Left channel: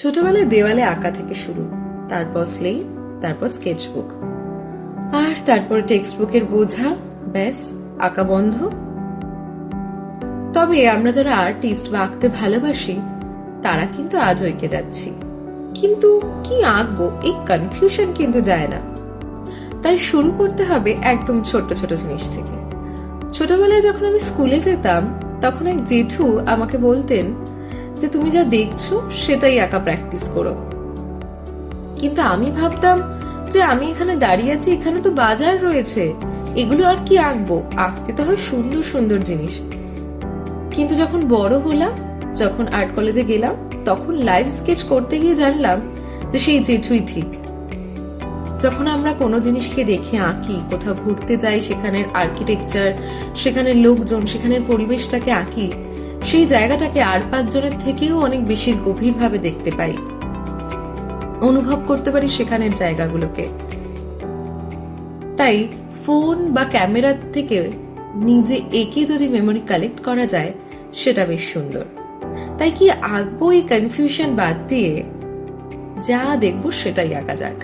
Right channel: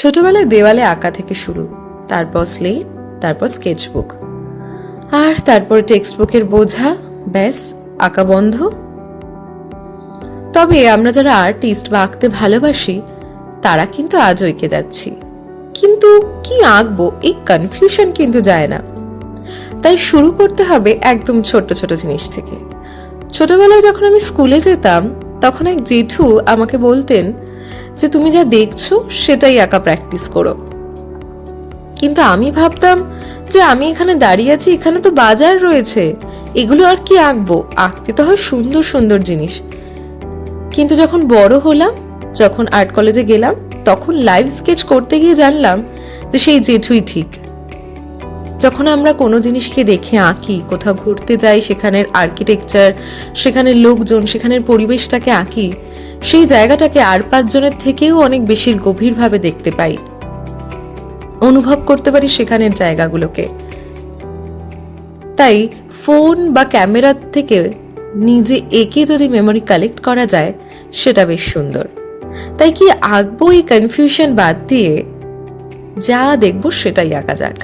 ছোটবেলায় দেওয়ালে আঁকা থেকে শুরু, তারপর স্লেট, তারপর স্কেচবুক, আর তারপর টেক্সট বুকের বোঝা, ব্যাস আঁকা বন্ধ। তবে আমরা যারা আর্টিস্ট বা আঁকতে ভালোবাসি তারা কিন্তু আজও এঁকে যাচ্ছি, কিন্তু কি আঁকবো এই কনফিউশন কিন্তু যায় না। তাই শুরু করতে হবে একদম ছোট ছোট জিনিস থেকে। ছোটবেলায় যখন আমি স্কুলে যেতাম তখন এক জেঠু আমাকে বলতেন যে তুমি যা দেখছো সেটাই আঁকা প্র্যাকটিস করো। কিন্তু আমি ভাবতাম যে আমি এখানে দাঁড়িয়ে আছি, এখানে তো বাজার রয়েছে, এগুলো আর কি আঁকবো, আঁকতে তো হয় সুন্দর সুন্দর জিনিস। কিন্তু যখন বড় হলাম, যখন আর্ট কলেজে গেলাম, তখন লাইভ স্কেচ করতে গিয়ে জানলাম যে সেই জেঠুই ঠিক। যখন আমরা কোনো জিনিসকে দেখে আঁকি, কোথাও ঘুরতে যাই, সেখানের আর্কিটেকচার, সেখানের লোকজন, সেখানের পরিবেশটাকে আঁকি, সেই জায়গাটাকে আর 5 জনের থেকেও অনেক বেশি গভীরভাবে দেখতে পাই, অনুভব করতে পারি সেখানের জায়গাগুলোকে। তাই ফোন বা ক্যামেরার থেকে নিজে এঁকে যদি মেমোরি কালেক্ট করা যায় সেটা বেশ সুন্দর। তাই কি আঁকবো এই কনফিউশন বাদ দিয়ে যা দেখবো সেটাই আঁকা যাক।